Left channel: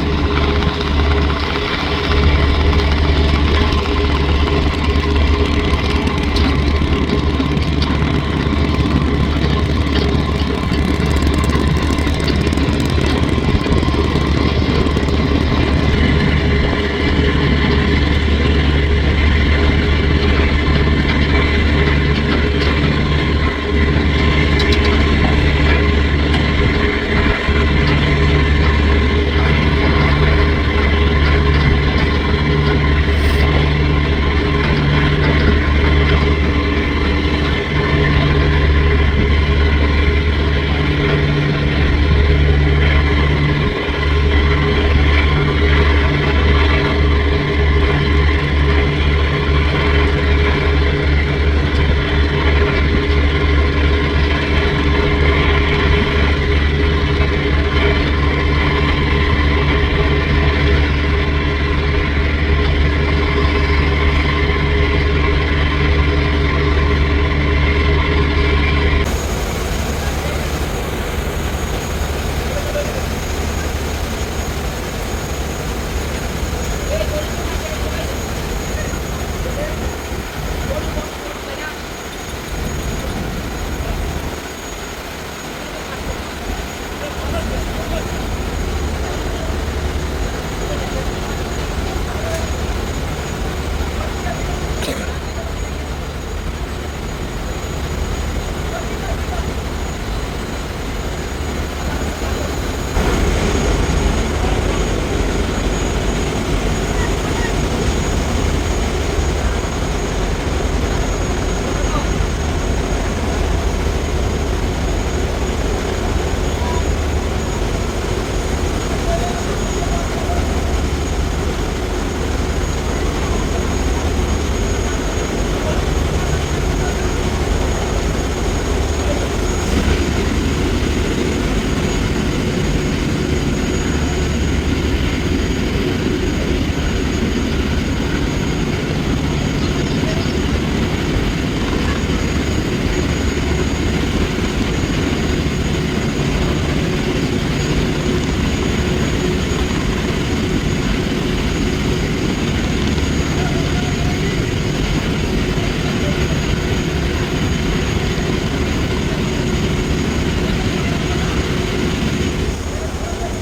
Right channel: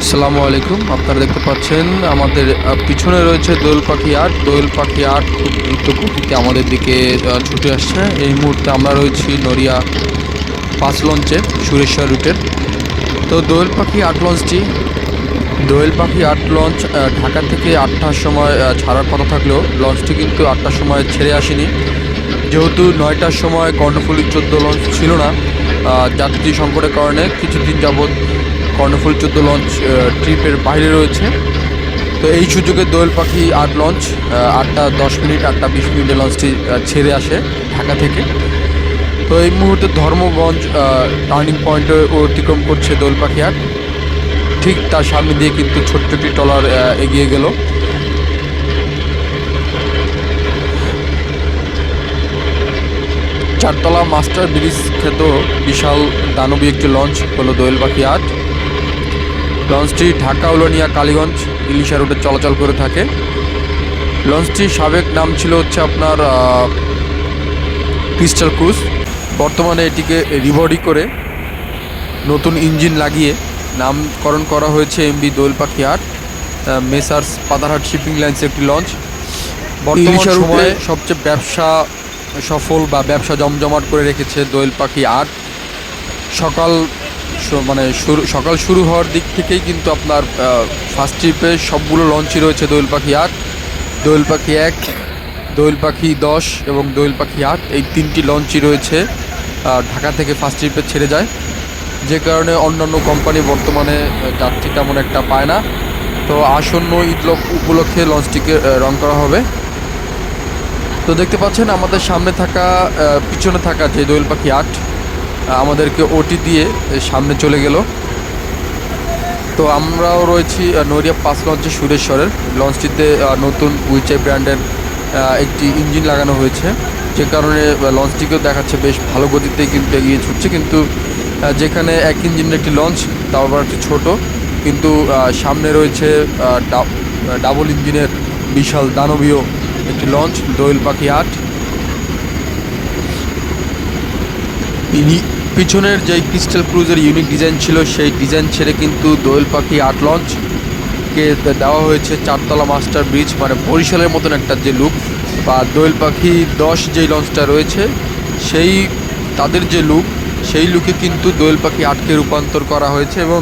আসসালামু আলাইকুম। আপনারা দেখতে পাচ্ছেন আমাদের পিছনে রয়েছে দোয়েল পাখি আট। দোয়েল পাখি আট দ্রুত গতিতে আমাদের দিকে ছুটে আসছে। এই মুহূর্তে আমরা রয়েছি নড়িয়া ৫ লঞ্চে সুরেশ্বর রুটের। তো দোয়েল পাখি আট লঞ্চ ঢাকা থেকে ৮টার সময় ছাড়ার কথা থাকলেও লঞ্চটি কিন্তু ৮টার সময় ছেড়ে আসেনি, যেহেতু ৯টার সময় কর্ণফুলী ১৪ লঞ্চ ছিল না। যাত্রী সংকটের কারণে কিছুদিন যাবৎ কর্ণফুলী ১৪ লঞ্চ ট্রিপের বাইরে রয়েছে। তো এই সুযোগে দোয়েল পাখি আট লঞ্চ ৮টা ১০ মিনিট ৮টা ২০ মিনিটে লঞ্চটি ছেড়ে আসে ঢাকা থেকে। তো এই মুহূর্তে ধর্মগঞ্জ টার্নিং পয়েন্টে অতিক্রম করছে দোয়েল পাখি আট। ঠিক তার সামনে দিয়ে কিন্তু ছোট্ট একটি ট্রলার এগিয়ে গেল। চারতলা মাস্টার ব্রিজ খ্যাত বিশাল দানবী একটি লঞ্চ হলো দোয়েল পাখি আট। লঞ্চটি ঢাকা উলানিয়া কালীগঞ্জ ইলিশা রুটে চলাচল করে থাকে। লঞ্চটির সাবেক নাম ছিল হচ্ছে আপনার ক্রিস্টাল ক্রুজ। বর্তমানে এটিকে রিবডি করে নতুন ইঞ্জিন লাগিয়ে নামকরণ করা হয়েছে এমবি দোয়েল পাখি আট। মেসার্স পাতারহাট শিপিং লাইন্স একটি লঞ্চ। বর্তমান সময়ে সবচেয়ে ব্যবসা সফল বা ব্যবসা জমজমাট করে রেখেছে দোয়েল পাখি আট। সকাল শুরু হওয়ার দিক থেকেই কিন্তু আপনার ফার্স্ট ট্রিপে সবগুলো লঞ্চই রয়েছে দোয়েল পাখি আট, দোয়েল পাখি এক, দোয়েল পাখি ১০ এবং দোয়েল পাখি আট। এই তিনটি লঞ্চই রয়েছে ঢাকা থেকে ফার্স্ট ট্রিপে ছেড়ে যায়, যে কারণে অন্যান্য কোম্পানি বর্তমানে যাত্রী তেমন একটা পায় না। তো আসন্ন ঈদ উপলক্ষে লঞ্চটিকে রং করা হবে। তো দেখতে পাচ্ছেন আমাদের পিছনে থাকা যে দোয়েল পাখি আট আমাদেরকে ওটি দিয়ে সামনে চলে গেল। তো আমরাও রয়েছি নড়িয়া ৫ লঞ্চে সুরেশ্বরের। লঞ্চটিতে নতুন উইচাই ব্র্যান্ডের একটি ইঞ্জিন লাগানো হয়েছে, যে কারণে লঞ্চটিকেও দেখাচ্ছে বেশ ভালো গতিতে কিন্তু এগিয়ে ছুটছে। কিন্তু যেখানে এক ইঞ্জিনের একটি লঞ্চ, তাও আবার একটু ছোটো, কিন্তু সামনে রয়েছে ডাবল ইঞ্জিনের বিশাল দানবীয় একটি লঞ্চ দোয়েল পাখি আট। পিছনের যে ক্রিস্টাল ক্রুজের ইউনিক ডিজাইন ছিল সেই ডিজাইন ছেড়ে কিন্তু দোয়েল পাখি আট লঞ্চকে দেওয়া হয়েছে চারতলা মাস্টার ব্রিজ, মানে বরিশালের মতন একটা যে লুক, বা দোয়েল পাখি ১০ যেই লঞ্চটা রয়েছে তাদের যে লুক, সেই লুকে কিন্তু দোয়েল পাখি আটকে রূপান্তর করা হয়েছে। এবং